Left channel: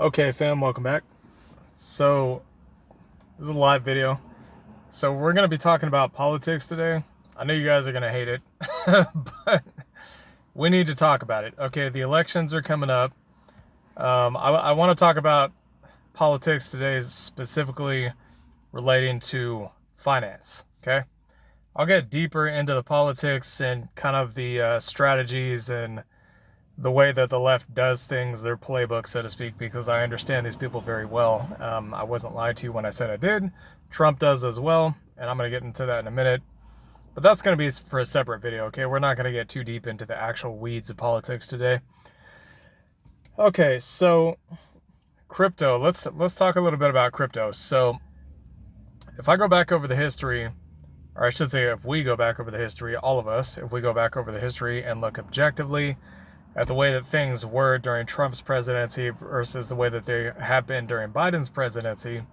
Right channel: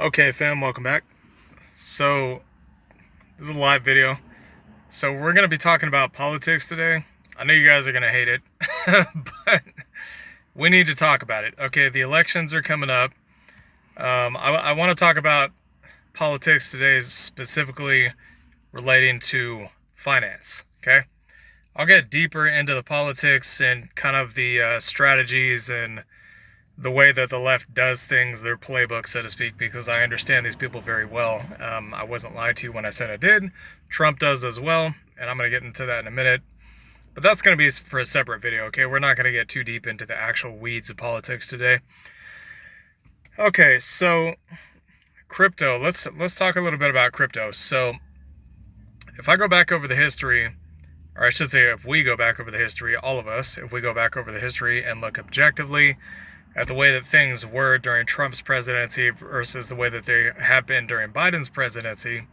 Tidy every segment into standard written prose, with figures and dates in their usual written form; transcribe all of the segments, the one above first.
Okay, fam, welcome back. So, this is a live video. So, we're going to be talking about politics today. I know you guys are going to hate it, but we need to talk about it. Okay, the elections are coming up. I want to talk about politics today, specifically relating to finance. Okay, I'll get deeper into the politics and kind of the strategies and the way that the left does things, their playbook, so to speak, because I understand these people very well. I wasn't lied to when I said I did. Trump does as well, and I'm going to get into that in a minute. But that's going to be for a separate video, okay? We're not going to get too deep into the actual weeds of politics today. Okay, so crypto. Let's talk a little bit about crypto. So if I go back over the history, or I should say if we go back over the history, all of us, if we go back over the history and look objectively at the way that things were during Trump's presidency versus the way that they have been during Biden's presidency,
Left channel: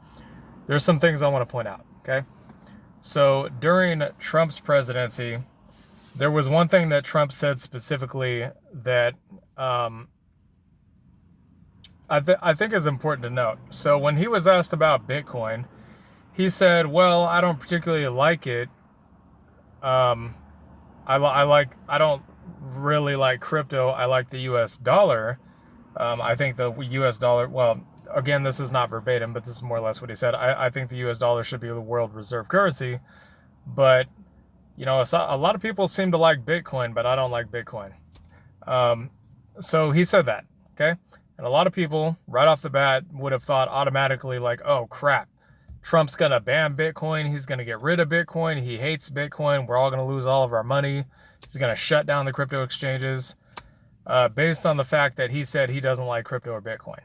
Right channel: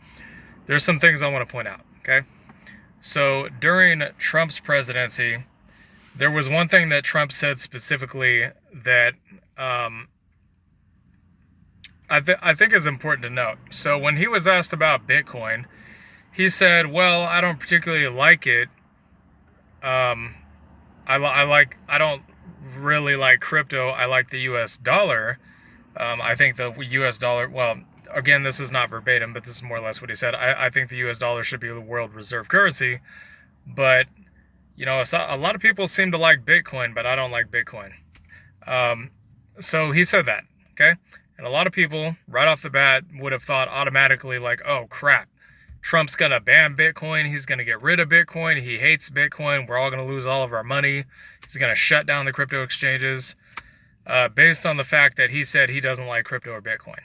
there's some things I want to point out, okay? So during Trump's presidency, there was one thing that Trump said specifically that I think is important to note. So when he was asked about Bitcoin, he said, well, I don't particularly like it. I don't really like crypto. I like the US dollar. I think the US dollar, well, again, this is not verbatim, but this is more or less what he said. I think the US dollar should be the world reserve currency. But, a lot of people seem to like Bitcoin, but I don't like Bitcoin. So he said that, okay? And a lot of people, right off the bat, would have thought automatically, like, oh, crap. Trump's going to ban Bitcoin. He's going to get rid of Bitcoin. He hates Bitcoin. We're all going to lose all of our money. He's going to shut down the crypto exchanges based on the fact that he said he doesn't like crypto or Bitcoin.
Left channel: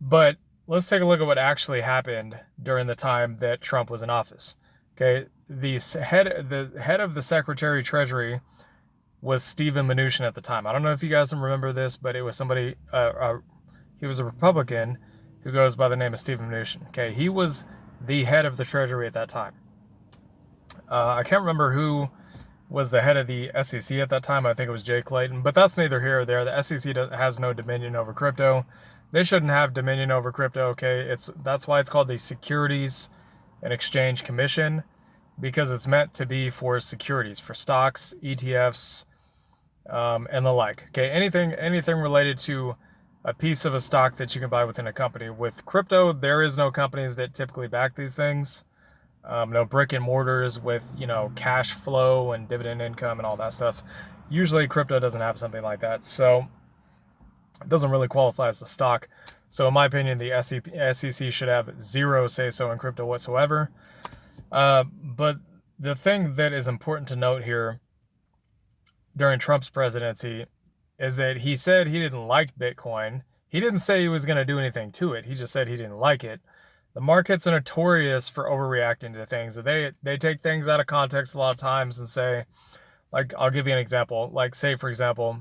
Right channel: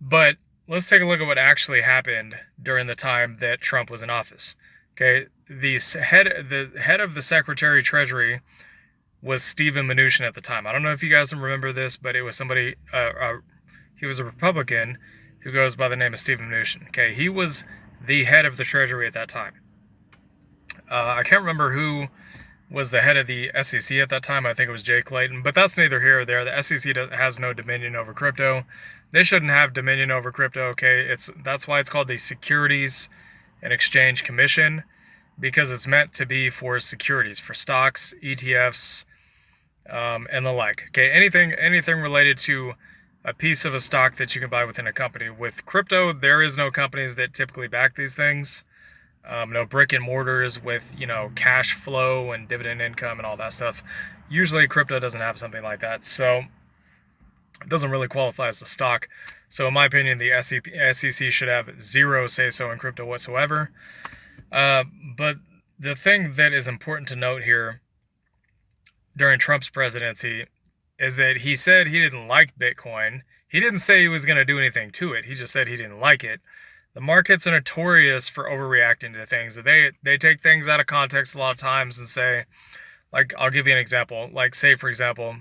But let's take a look at what actually happened during the time that Trump was in office. Okay, the head of the Secretary of Treasury was Steven Mnuchin at the time. I don't know if you guys remember this, but it was somebody, he was a Republican who goes by the name of Steven Mnuchin. Okay, he was the head of the Treasury at that time. I can't remember who was the head of the SEC at that time. I think it was Jay Clayton, but that's neither here or there. The SEC has no dominion over crypto. They shouldn't have dominion over crypto. Okay, that's why it's called the Securities and Exchange Commission, because it's meant to be for securities, for stocks, ETFs, and the like. Okay, anything related to a piece of a stock that you can buy within a company. With crypto, there is no companies that typically back these things. No brick and mortars with, cash flow and dividend income and all that stuff. Usually crypto doesn't have something like that. So it doesn't really qualify as a stock. So in my opinion, the SEC should have zero say-so in crypto whatsoever. But the thing that is important to note here during Trump's presidency is that he said he didn't like Bitcoin. He didn't say he was going to do anything to it. He just said he didn't like it. The markets are notorious for overreacting to things. They take things out of context a lot of times and say, like, I'll give you an example. Like, say, for example,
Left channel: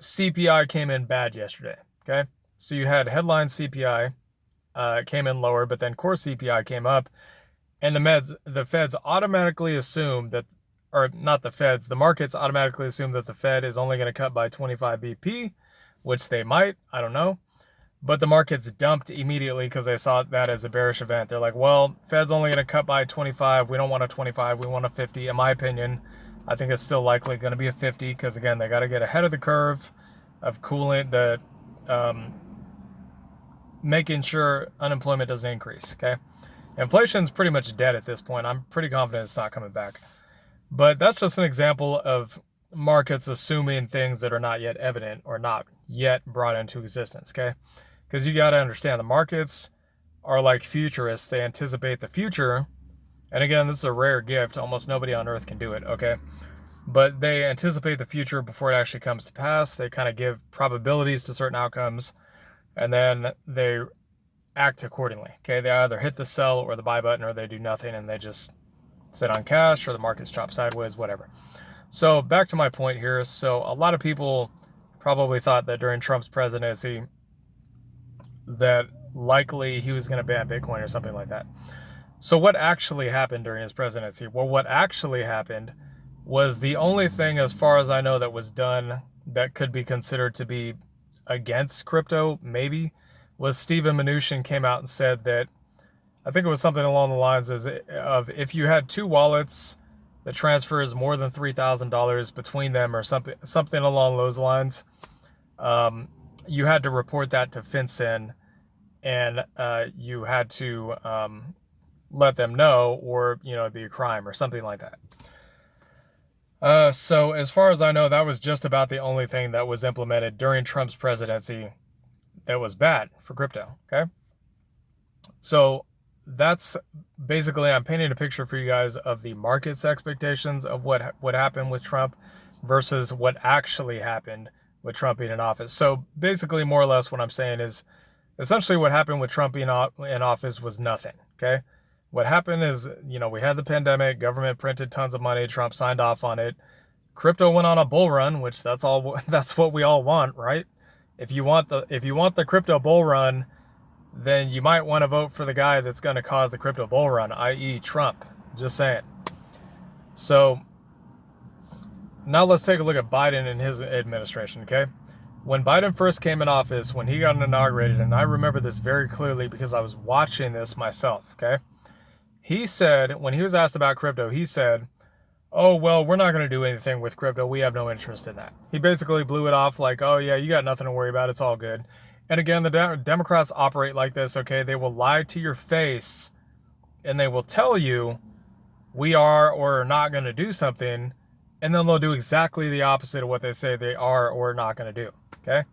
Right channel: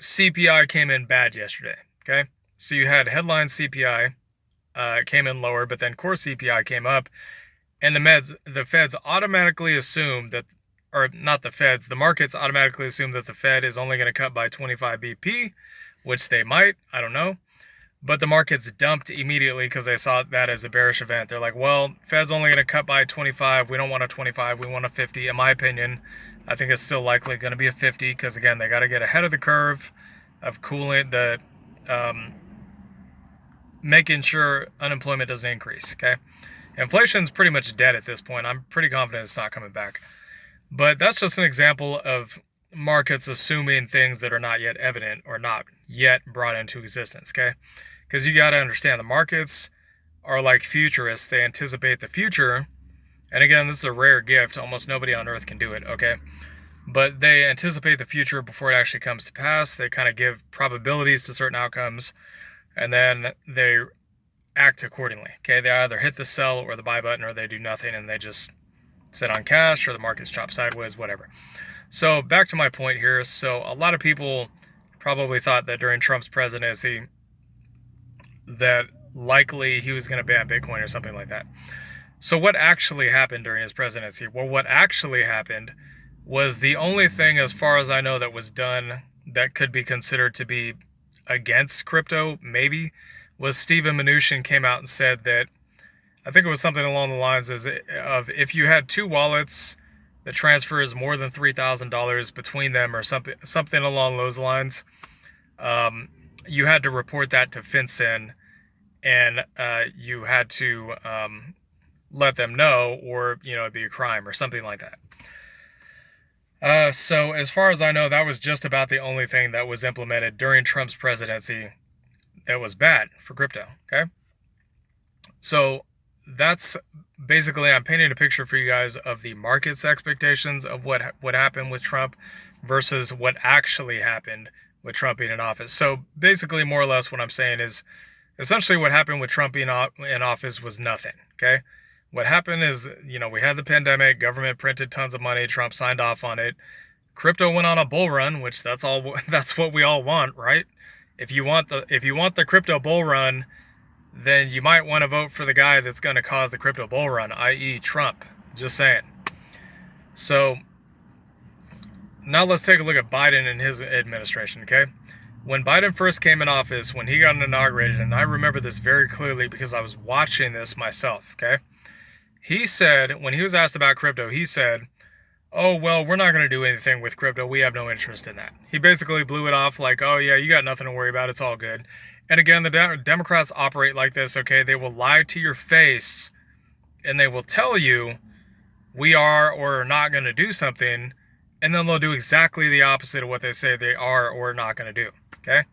CPI came in bad yesterday, okay? So you had headline CPI came in lower, but then core CPI came up, and the feds automatically assume that, or not the feds, the markets automatically assume that the Fed is only going to cut by 25 BP, which they might, I don't know. But the markets dumped immediately because they saw that as a bearish event. They're like, well, Fed's only going to cut by 25. We don't want a 25. We want a 50. In my opinion, I think it's still likely going to be a 50 because, again, they got to get ahead of the curve of cooling making sure unemployment doesn't increase, okay? Inflation's pretty much dead at this point. I'm pretty confident it's not coming back. But that's just an example of markets assuming things that are not yet evident or not yet brought into existence, okay? Because you got to understand, the markets are like futurists. They anticipate the future. And again, this is a rare gift. Almost nobody on earth can do it, okay? But they anticipate the future before it actually comes to pass. They kind of give probabilities to certain outcomes, and then they act accordingly, okay? They either hit the sell or the buy button, or they do nothing and they just sit on cash, or the markets drop sideways, whatever. So back to my point here. So a lot of people probably thought that during Trump's presidency that likely he was going to ban Bitcoin or something like that. So what actually happened during his presidency? Well, what actually happened was the only thing, as far as I know, that was done that could be considered to be against crypto, maybe, was Steven Mnuchin came out and said that, I think it was something along the lines of if you had two wallets that transfers more than $3,000 between them, or something along those lines, you had to report that to FinCEN, and you had to let them know, or it'd be a crime or something like that. So as far as I know, that was just about the only thing that was implemented during Trump's presidency that was bad for crypto. Okay, so that's basically, I'm painting a picture for you guys of the market's expectations of what happened with Trump versus what actually happened with Trump being in office. So basically, more or less, what I'm saying is, essentially what happened with Trump being in office was nothing. Okay, what happened is, we had the pandemic, government printed tons of money, Trump signed off on it, crypto went on a bull run, which that's what we all want, right? If you want the crypto bull run, then you might want to vote for the guy that's going to cause the crypto bull run, i.e. Trump. Just saying. So now let's take a look at Biden and his administration, okay? When Biden first came in office, when he got inaugurated, and I remember this very clearly because I was watching this myself, okay? He said, when he was asked about crypto, he said, oh, well, we're not going to do anything with crypto. We have no interest in that. He basically blew it off like, oh, yeah, you got nothing to worry about. It's all good. And again, the Democrats operate like this, okay? They will lie to your face, and they will tell you we are or are not going to do something, and then they'll do exactly the opposite of what they say they are or are not going to do, okay?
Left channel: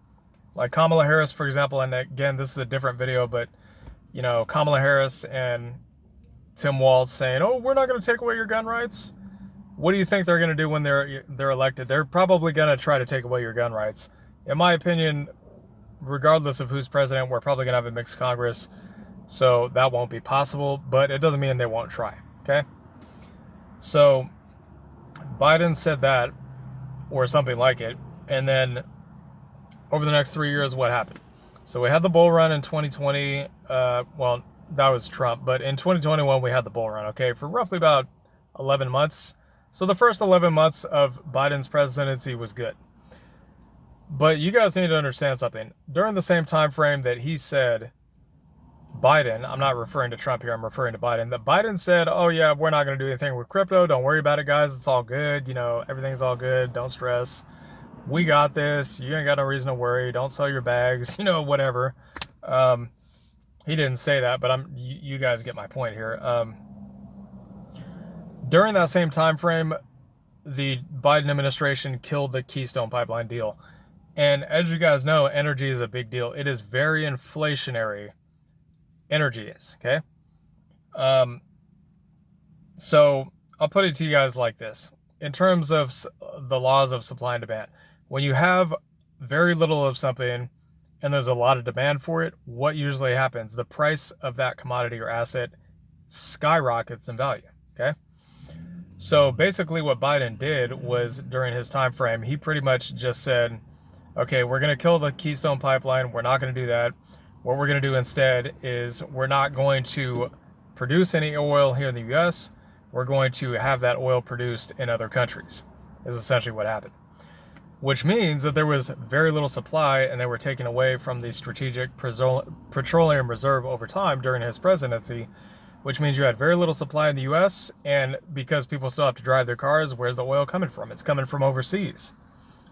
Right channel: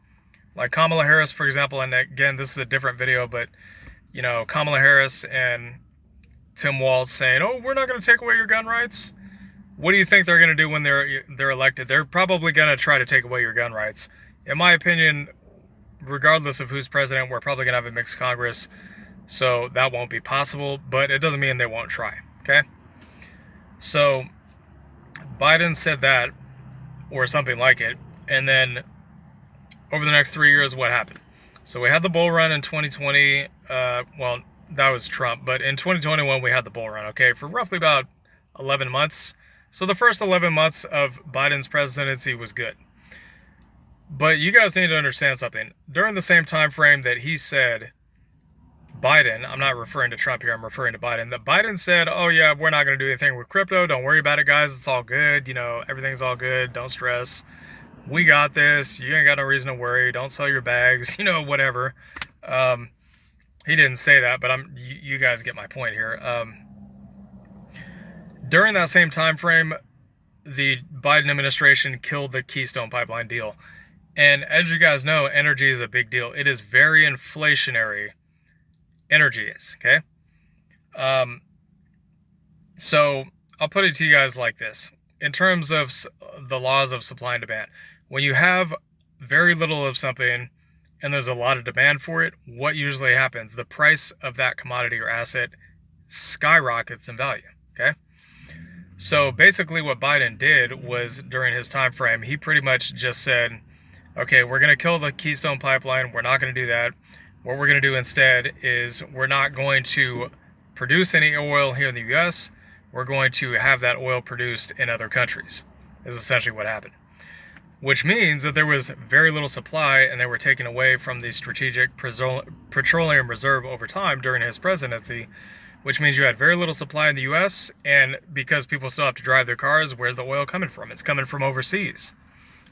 Like Kamala Harris, for example, and again, this is a different video, but, Kamala Harris and Tim Walz saying, oh, we're not going to take away your gun rights. What do you think they're going to do when they're elected? They're probably going to try to take away your gun rights. In my opinion, regardless of who's president, we're probably going to have a mixed Congress, so that won't be possible, but it doesn't mean they won't try, okay? So Biden said that, or something like it, and then over the next 3 years, what happened? So we had the bull run in 2020, well, that was Trump, but in 2021, we had the bull run, okay, for roughly about 11 months. So the first 11 months of Biden's presidency was good. But you guys need to understand something. During the same time frame that he said, Biden, I'm not referring to Trump here, I'm referring to Biden, that Biden said, oh yeah, we're not going to do anything with crypto. Don't worry about it, guys. It's all good. Everything's all good. Don't stress. We got this. You ain't got no reason to worry. Don't sell your bags, whatever. He didn't say that, but you guys get my point here. During that same time frame, the Biden administration killed the Keystone Pipeline deal. And as you guys know, energy is a big deal. It is very inflationary. Energy is, okay? So I'll put it to you guys like this. In terms of the laws of supply and demand, when you have very little of something and there's a lot of demand for it, what usually happens? The price of that commodity or asset skyrockets in value, okay? So basically what Biden did was, during his time frame, he pretty much just said, okay, we're going to kill the Keystone Pipeline. We're not going to do that. What we're going to do instead is we're not going to produce any oil here in the U.S. We're going to have that oil produced in other countries, is essentially what happened. Which means that there was very little supply, and they were taken away from the Strategic Petroleum Reserve over time during his presidency, which means you had very little supply in the U.S., and because people still have to drive their cars, where's the oil coming from? It's coming from overseas,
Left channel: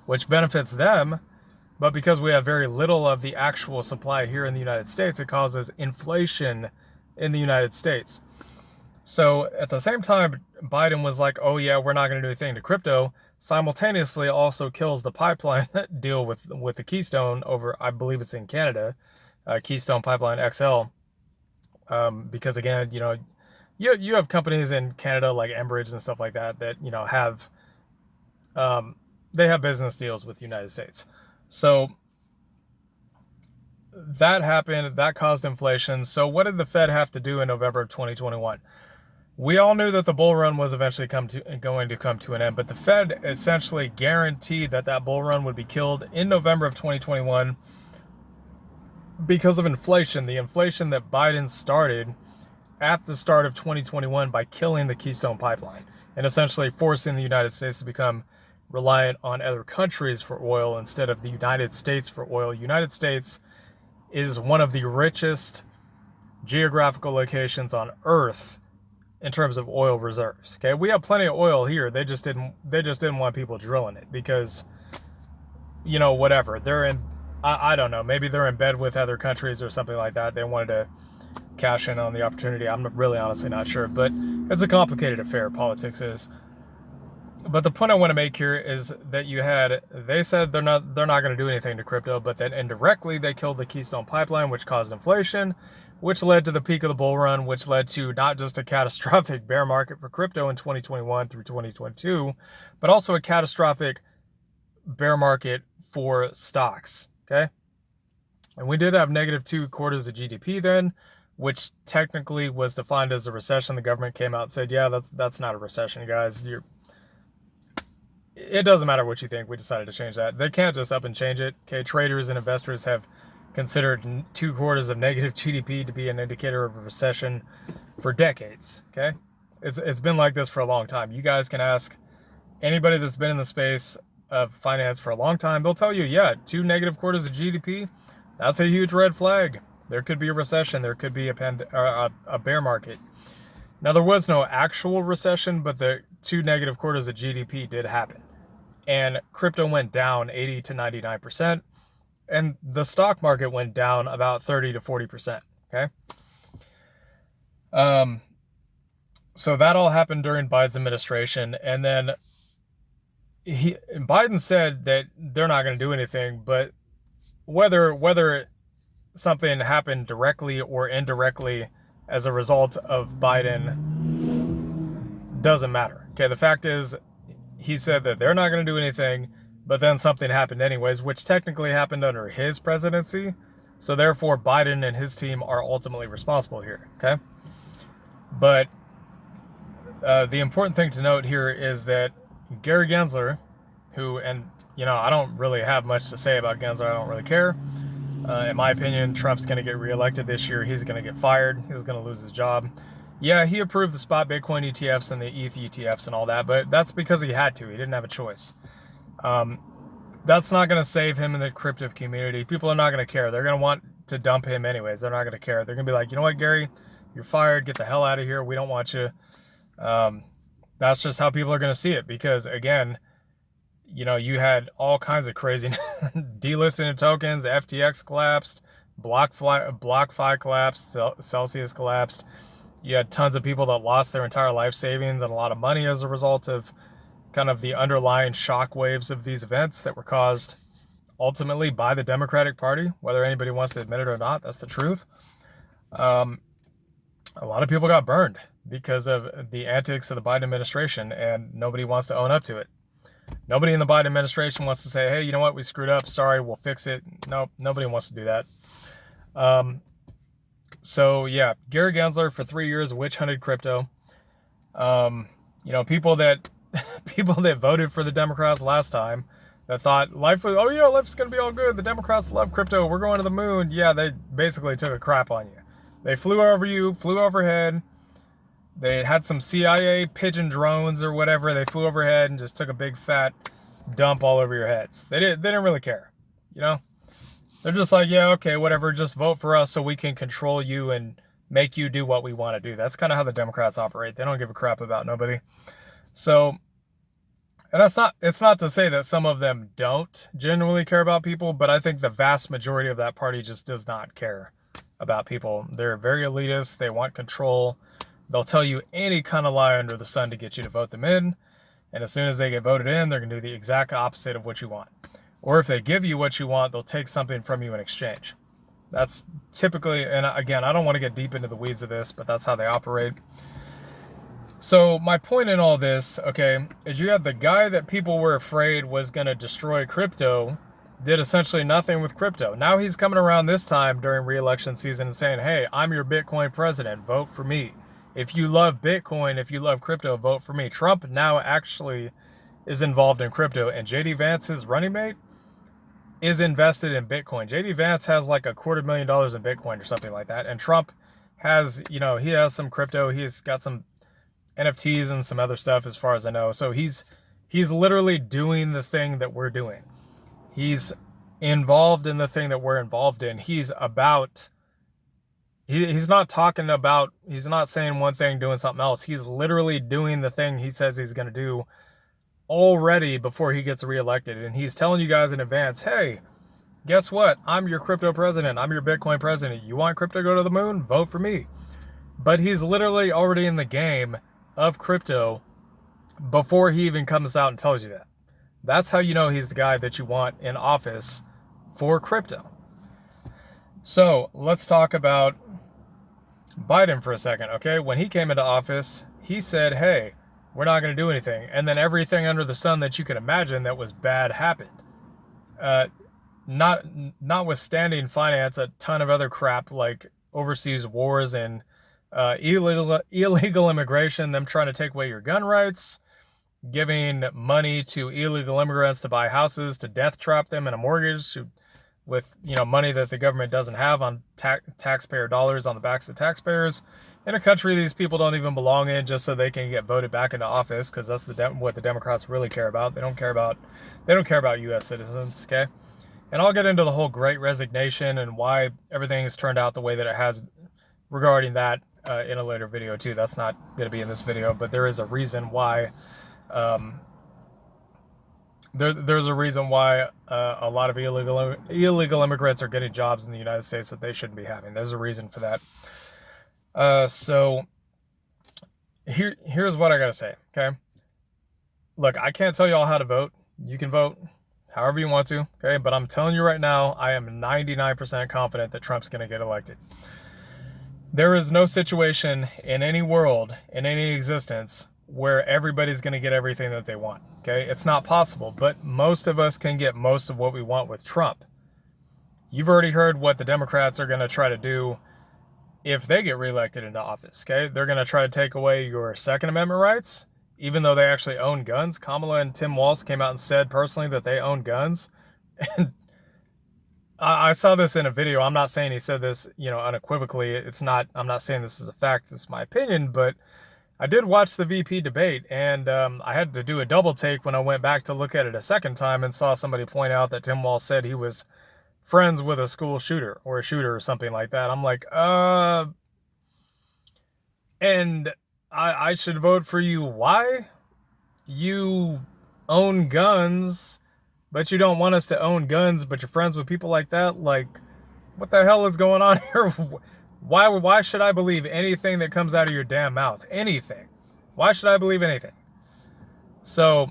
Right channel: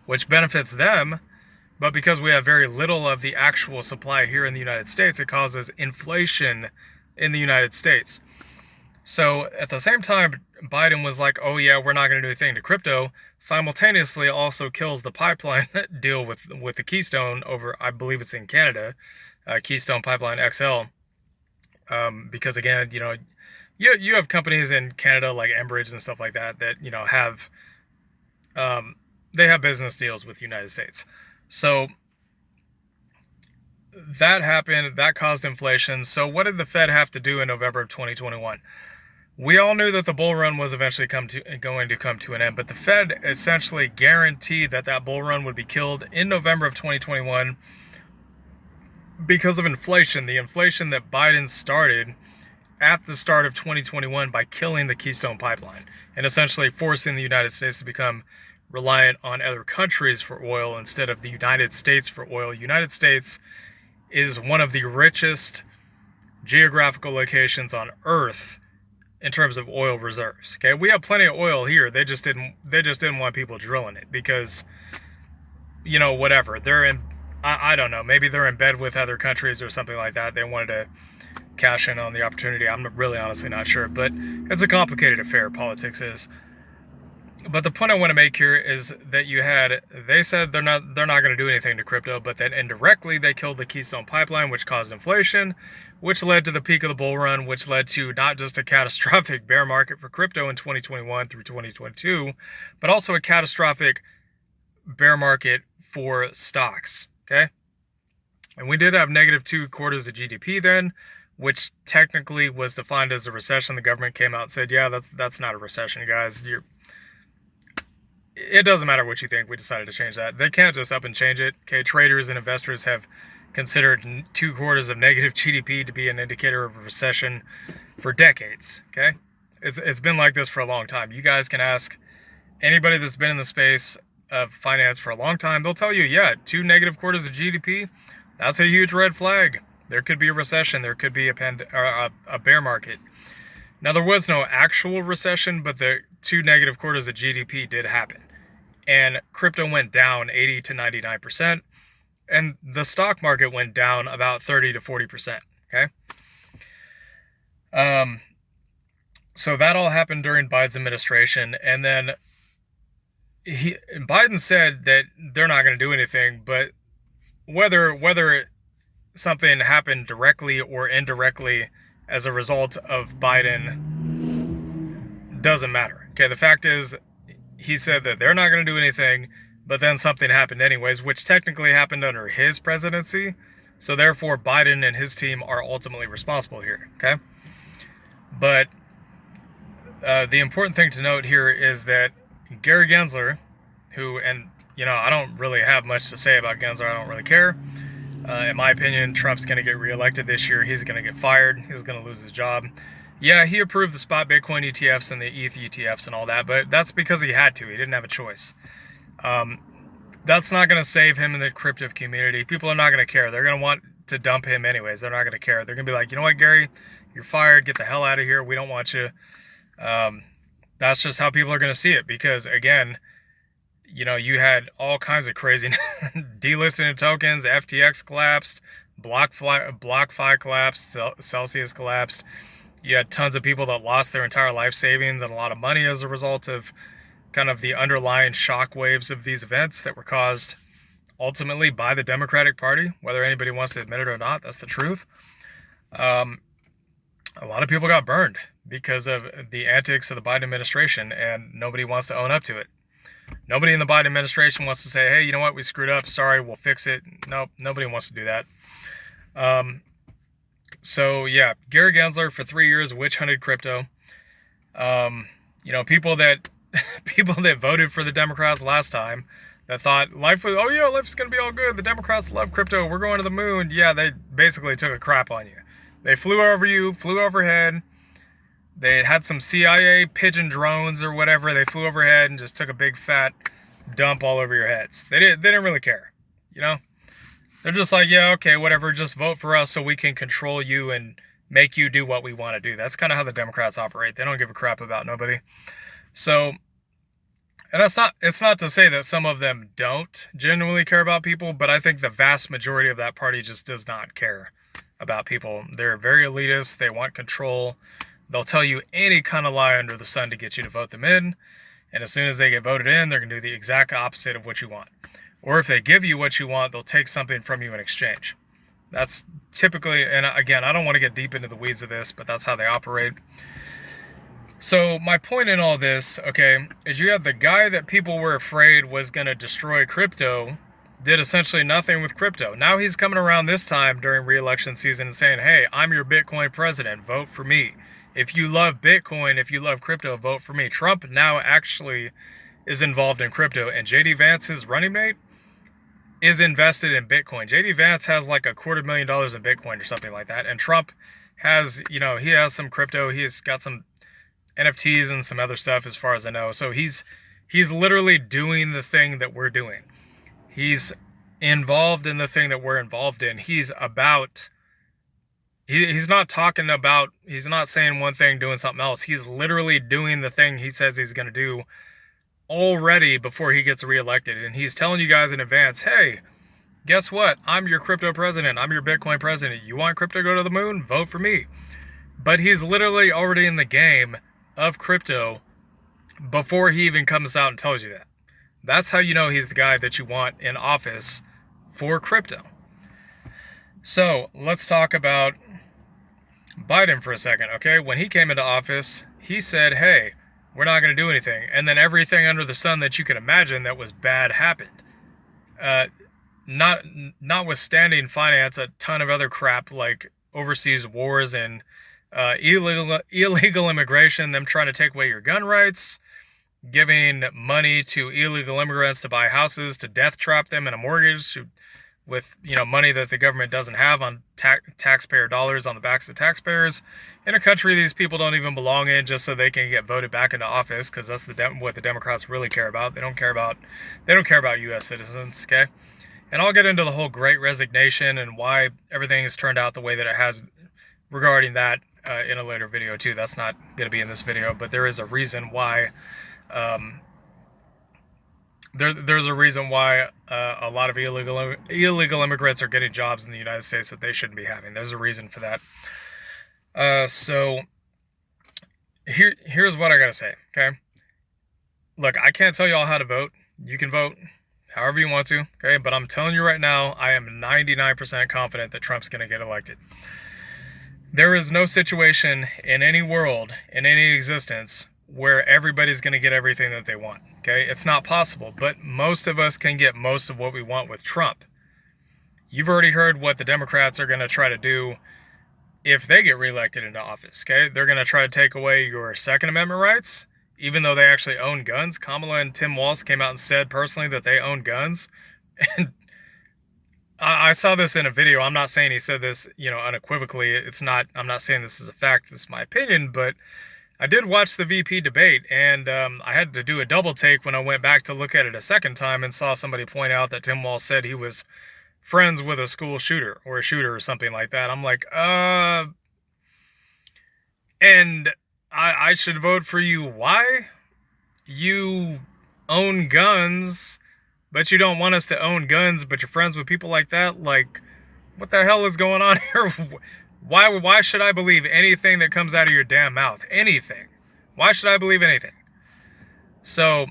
which benefits them. But because we have very little of the actual supply here in the United States, it causes inflation in the United States. So at the same time, Biden was like, oh yeah, we're not going to do anything to crypto, simultaneously also kills the pipeline deal with the Keystone over, I believe it's in Canada, Keystone Pipeline XL. Because again, you have companies in Canada like Enbridge and stuff like that have, they have business deals with the United States. So that happened, that caused inflation. So what did the Fed have to do in November of 2021? We all knew that the bull run was eventually going to come to an end, but the Fed essentially guaranteed that bull run would be killed in November of 2021 because of inflation, the inflation that Biden started at the start of 2021 by killing the Keystone Pipeline and essentially forcing the United States to become reliant on other countries for oil instead of the United States for oil. United States is one of the richest geographical locations on Earth in terms of oil reserves. Okay, we have plenty of oil here. They just didn't want people drilling it because, whatever. They're in, I don't know, maybe they're in bed with other countries or something like that. They wanted to cash in on the opportunity. I'm really honestly not sure, but it's a complicated affair, politics is. But the point I want to make here is that they said they're not going to do anything to crypto, but then indirectly they killed the Keystone Pipeline, which caused inflation, which led to the peak of the bull run, which led to not just a catastrophic bear market for crypto in 2021 through 2022, but also a catastrophic bear market for stocks. Okay. And we did have negative 2/4 of GDP then, which technically was defined as a recession. The government came out and said, yeah, that's not a recession, guys. It doesn't matter what you think. We decided to change that. They can't just up and change it. Okay, traders and investors have considered 2/4 of negative GDP to be an indicator of a recession for decades. Okay, it's been like this for a long time. You guys can ask anybody that's been in the space of finance for a long time. They'll tell you, yeah, 2 negative quarters of GDP. That's a huge red flag. There could be a recession. There could be a bear market. Now, there was no actual recession, but the 2 negative quarters of GDP did happen. And crypto went down 80 to 99%. And the stock market went down about 30 to 40%. Okay. So that all happened during Biden's administration. And then Biden said that they're not going to do anything, but whether something happened directly or indirectly as a result of Biden doesn't matter. Okay, the fact is, he said that they're not going to do anything, but then something happened anyways, which technically happened under his presidency. So therefore, Biden and his team are ultimately responsible here. Okay, but the important thing to note here is that Gary Gensler, I don't really have much to say about Gensler. I don't really care. In my opinion, Trump's going to get reelected this year. He's going to get fired. He's going to lose his job. Yeah, he approved the spot Bitcoin ETFs and the ETH ETFs and all that, but that's because he had to. He didn't have a choice. That's not going to save him in the crypto community. People are not going to care. They're going to want to dump him anyways. They're not going to care. They're going to be like, you know what, Gary, you're fired. Get the hell out of here. We don't want you. That's just how people are going to see it because, again, you had all kinds of crazy delisting of tokens. FTX collapsed. BlockFi collapsed. Celsius collapsed. You had tons of people that lost their entire life savings and a lot of money as a result of kind of the underlying shock waves of these events that were caused ultimately by the Democratic Party, whether anybody wants to admit it or not. That's the truth. A lot of people got burned because of the antics of the Biden administration, and nobody wants to own up to it. Nobody in the Biden administration wants to say, hey, you know what, we screwed up. Sorry, we'll fix it. Nope, nobody wants to do that. So yeah, Gary Gensler for 3 years witch hunted crypto. People that voted for the Democrats last time that thought life's gonna be all good. The Democrats love crypto. We're going to the moon. Yeah, they basically took a crap on you. They flew over you, flew overhead. They had some CIA pigeon drones or whatever. They flew overhead and just took a big fat dump all over your heads. They didn't really care, They're just like, yeah, okay, whatever, just vote for us so we can control you and make you do what we want to do. That's kind of how the Democrats operate. They don't give a crap about nobody. So, and it's not to say that some of them don't genuinely care about people, but I think the vast majority of that party just does not care about people. They're very elitist. They want control. They'll tell you any kind of lie under the sun to get you to vote them in. And as soon as they get voted in, they're going to do the exact opposite of what you want. Or if they give you what you want, they'll take something from you in exchange. That's typically, and again, I don't want to get deep into the weeds of this, but that's how they operate. So my point in all this, okay, is you have the guy that people were afraid was going to destroy crypto, did essentially nothing with crypto. Now he's coming around this time during re-election season and saying, hey, I'm your Bitcoin president, vote for me. If you love Bitcoin, if you love crypto, vote for me. Trump now actually is involved in crypto, and JD Vance, his running mate, is invested in Bitcoin. JD Vance has like $250,000 in Bitcoin or something like that. And Trump has, he has some crypto. He's got some NFTs and some other stuff as far as I know. So he's He's literally doing the thing that we're doing. He's involved in the thing that we're involved in. He's not saying one thing, doing something else. He's literally doing the thing he says he's going to do already before he gets reelected. And he's telling you guys in advance, hey, guess what? I'm your crypto president. I'm your Bitcoin president. You want crypto to go to the moon? Vote for me. But he's literally already in the game of crypto before he even comes out and tells you that. That's how you know he's the guy that you want in office for crypto. So let's talk about Biden for a second, okay? When he came into office, he said, hey, we're not going to do anything. And then everything under the sun that you can imagine that was bad happened. Notwithstanding finance, a ton of other crap like overseas wars and illegal immigration, them trying to take away your gun rights, giving money to illegal immigrants to buy houses, to death trap them in a mortgage with money that the government doesn't have on taxpayer dollars on the backs of taxpayers in a country these people don't even belong in, just so they can get voted back into office, because that's what the Democrats really care about. They don't care about U.S. citizens, okay? And I'll get into the whole Great Resignation and why everything has turned out the way that it has regarding that in a later video too. That's not going to be in this video, but there is a reason why. There's a reason why a lot of illegal immigrants are getting jobs in the United States that they shouldn't be having. There's a reason for that. So here's what I gotta say, okay? Look, I can't tell you all how to vote. You can vote however you want to, okay? But I'm telling you right now, I am 99% confident that Trump's gonna get elected. There is no situation in any world, in any existence, where everybody's going to get everything that they want, okay? It's not possible, but most of us can get most of what we want with Trump. You've already heard what the Democrats are going to try to do if they get reelected into office, okay? They're going to try to take away your Second Amendment rights, even though they actually own guns. Kamala and Tim Walz came out and said personally that they own guns. And I saw this in a video. I'm not saying he said this, unequivocally. I'm not saying this is a fact. This is my opinion, but I did watch the VP debate, and I had to do a double take when I went back to look at it a second time and saw somebody point out that Tim Walz said he was friends with a school shooter or a shooter or something like that. I'm like, and I should vote for you. Why? You own guns, but you don't want us to own guns, but you're friends with people like that? Like, what the hell is going on here? Why should I believe anything that comes out of your damn mouth? Anything. Why should I believe anything? So,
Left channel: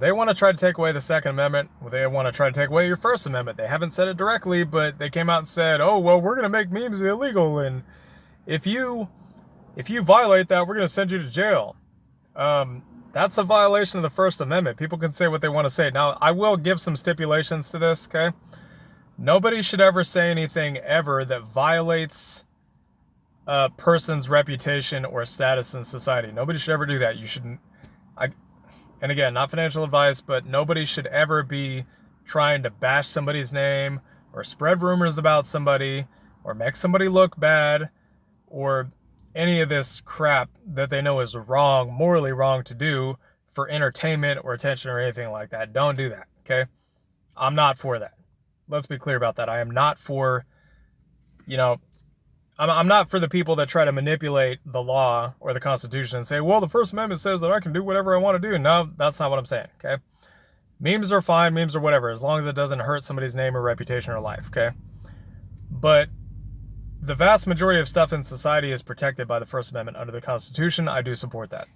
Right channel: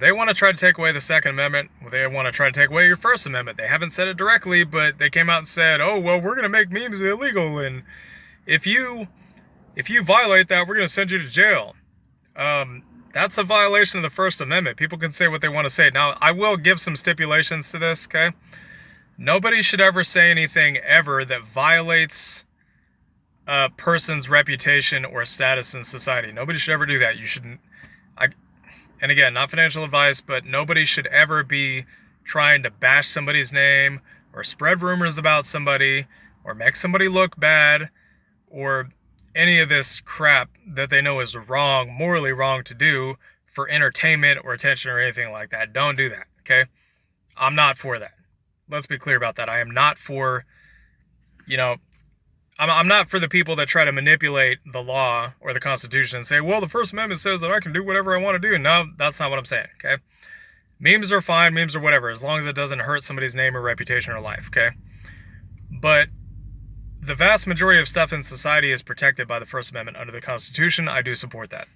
they want to try to take away the Second Amendment. They want to try to take away your First Amendment. They haven't said it directly, but they came out and said, oh, well, we're going to make memes illegal, and if you violate that, we're going to send you to jail. That's a violation of the First Amendment. People can say what they want to say. Now, I will give some stipulations to this, okay? Nobody should ever say anything ever that violates a person's reputation or status in society. Nobody should ever do that. You shouldn't. And again, not financial advice, but nobody should ever be trying to bash somebody's name or spread rumors about somebody or make somebody look bad or any of this crap that they know is wrong, morally wrong to do for entertainment or attention or anything like that. Don't do that, okay? I'm not for that. Let's be clear about that. I am not for, I'm not for the people that try to manipulate the law or the Constitution and say, well, the First Amendment says that I can do whatever I want to do. No, that's not what I'm saying, okay? Memes are fine, memes are whatever, as long as it doesn't hurt somebody's name or reputation or life, okay? But the vast majority of stuff in society is protected by the First Amendment under the Constitution. I do support that.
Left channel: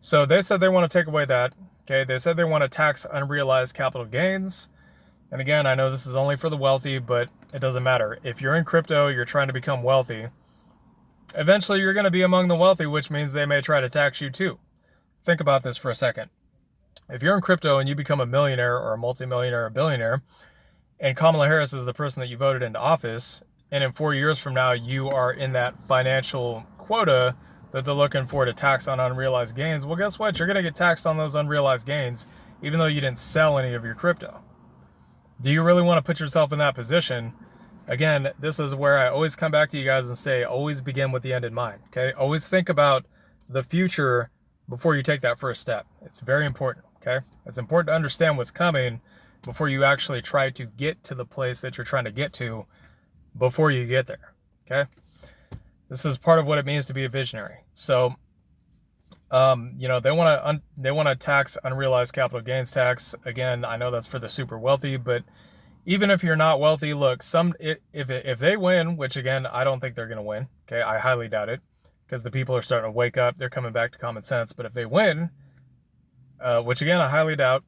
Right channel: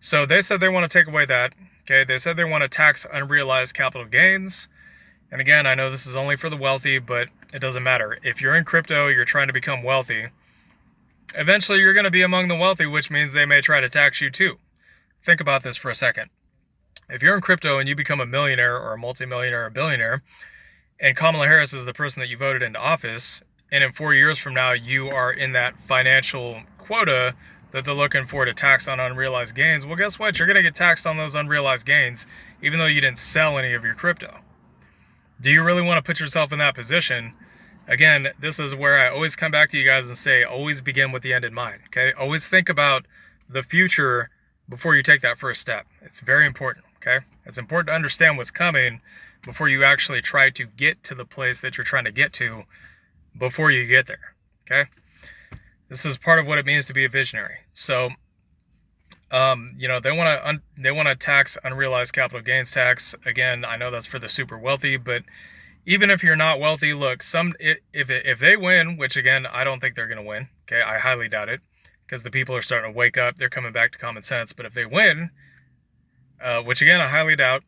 So they said they want to take away that, okay? They said they want to tax unrealized capital gains. And again, I know this is only for the wealthy, but it doesn't matter. If you're in crypto, you're trying to become wealthy, eventually you're going to be among the wealthy, which means they may try to tax you too. Think about this for a second. If you're in crypto and you become a millionaire or a multimillionaire or a billionaire, and Kamala Harris is the person that you voted into office, and in 4 years from now you are in that financial quota that they're looking for to tax on unrealized gains, well, guess what? You're going to get taxed on those unrealized gains, even though you didn't sell any of your crypto. Do you really want to put yourself in that position? Again, this is where I always come back to you guys and say, always begin with the end in mind, okay? Always think about the future before you take that first step. It's very important. okay? It's important to understand what's coming before you actually try to get to the place that you're trying to get to before you get there, okay? This is part of what it means to be a visionary. So, they want to tax unrealized capital gains tax. Again, I know that's for the super wealthy, but even if you're not wealthy, look, if they win, which again I don't think they're going to win, okay, I highly doubt it, because the people are starting to wake up, they're coming back to common sense. But if they win, which again I highly doubt,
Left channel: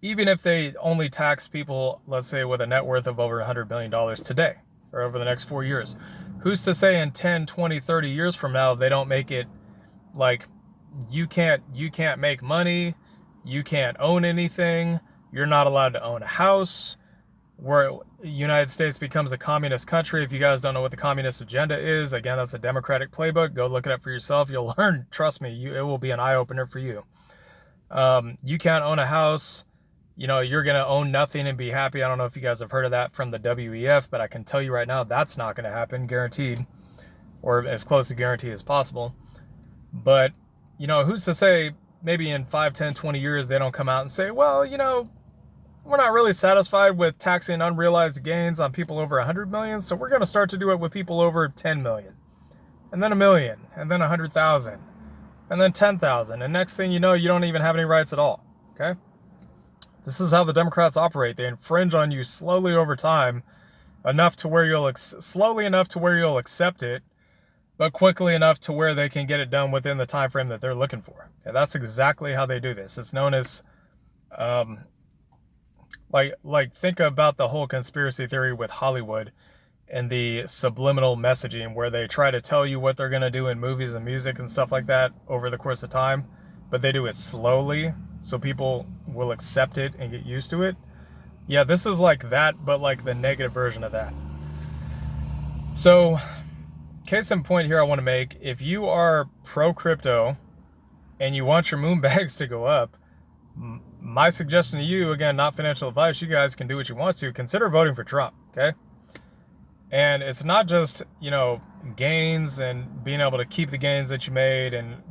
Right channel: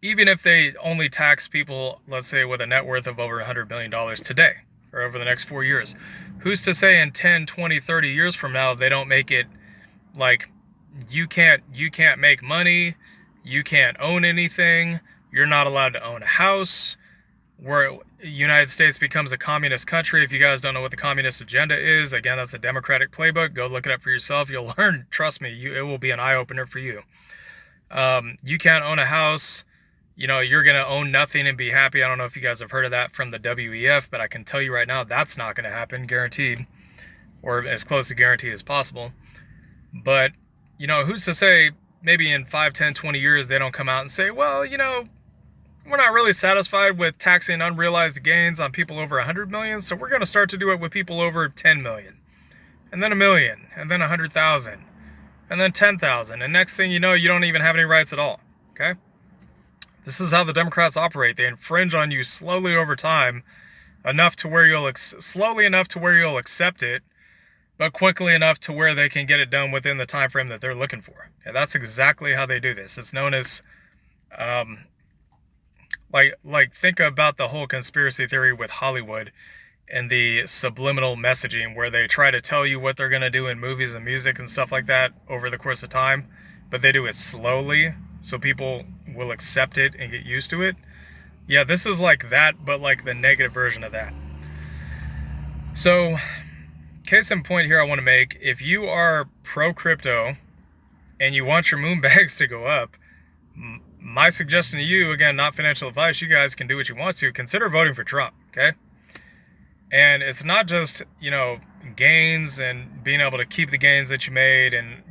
even if they only tax people, let's say with a net worth of over $100 million today or over the next 4 years, who's to say in 10, 20, 30 years from now they don't make it like you can't make money, you can't own anything, you're not allowed to own a house, where the United States becomes a communist country. If you guys don't know what the communist agenda is, again, that's a Democratic playbook. Go look it up for yourself. You'll learn. Trust me, it will be an eye-opener for you. You can't own a house. You're going to own nothing and be happy. I don't know if you guys have heard of that from the WEF, but I can tell you right now that's not going to happen, guaranteed, or as close to guaranteed as possible. But, who's to say maybe in 5, 10, 20 years they don't come out and say, well, we're not really satisfied with taxing unrealized gains on people over 100 million, so we're going to start to do it with people over 10 million, and then 1 million, and then 100,000, and then 10,000, and next thing you know, you don't even have any rights at all, okay? This is how the Democrats operate. They infringe on you slowly over time, enough to where you'll accept it, but quickly enough to where they can get it done within the time frame that they're looking for. And that's exactly how they do this. It's known as think about the whole conspiracy theory with Hollywood and the subliminal messaging, where they try to tell you what they're going to do in movies and music and stuff like that over the course of time, but they do it slowly so people will accept it and get used to it. Yeah, this is like that, but like the negative version of that. So, case in point here I want to make, if you are pro crypto and you want your moon bags to go up, my suggestion to you, again, not financial advice, you guys can do what you want to, consider voting for Trump, okay? And it's not just, gains and being able to keep the gains that you made and,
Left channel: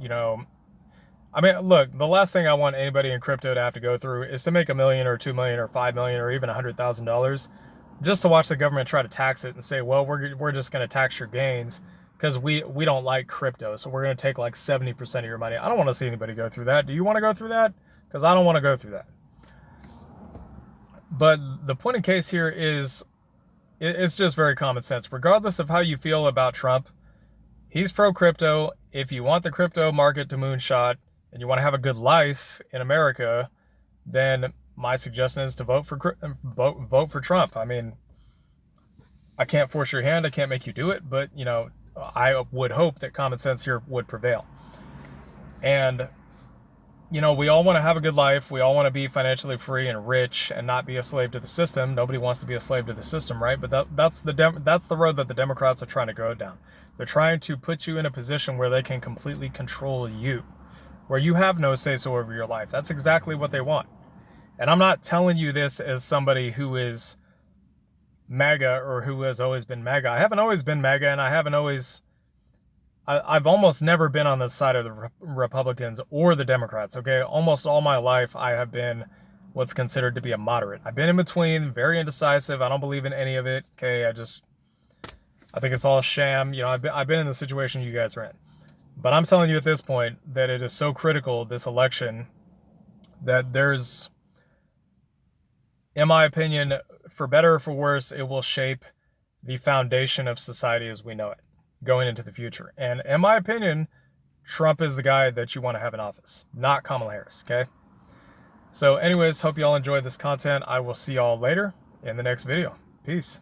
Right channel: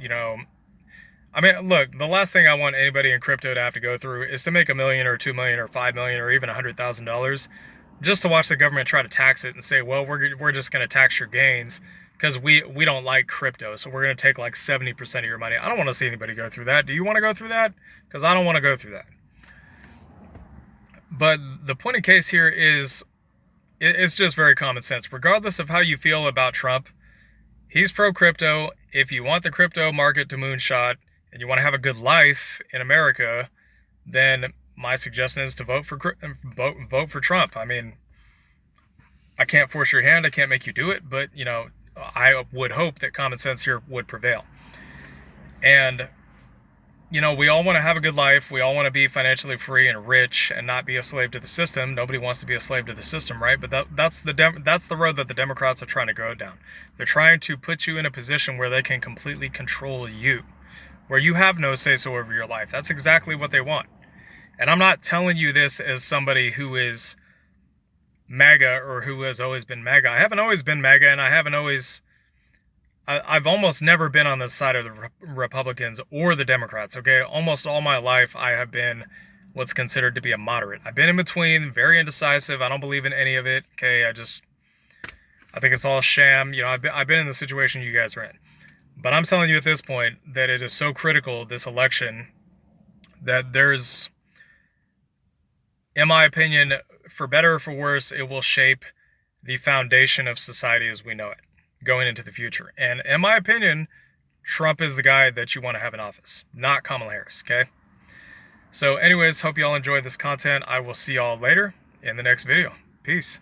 look, the last thing I want anybody in crypto to have to go through is to make $1 million or $2 million or $5 million or even $100,000 just to watch the government try to tax it and say, well, we're just going to tax your gains because we don't like crypto, so we're going to take like 70% of your money. I don't want to see anybody go through that. Do you want to go through that? Because I don't want to go through that. But the point in case here is, it's just very common sense. Regardless of how you feel about Trump, he's pro-crypto. If you want the crypto market to moonshot and you want to have a good life in America, then my suggestion is to vote for Trump. I mean, I can't force your hand. I can't make you do it. But, I would hope that common sense here would prevail. And, we all want to have a good life. We all want to be financially free and rich and not be a slave to the system. Nobody wants to be a slave to the system, right? But that's the road that the Democrats are trying to go down. They're trying to put you in a position where they can completely control you, where you have no say-so over your life. That's exactly what they want. And I'm not telling you this as somebody who is MAGA or who has always been MAGA. I haven't always been MAGA, and I've almost never been on the side of the Republicans or the Democrats, okay? Almost all my life, I have been what's considered to be a moderate. I've been in between, very indecisive. I don't believe in any of it, okay? I think it's all sham. I've been in the situation you guys are in. But I'm telling you at this point that it is so critical, this election, that there's, in my opinion, for better or for worse, it will shape the foundation of society as we know it going into the future. And in my opinion, Trump is the guy that you want to have in office, not Kamala Harris, okay? So anyways, hope you all enjoyed this content. I will see y'all later in the next video. Peace.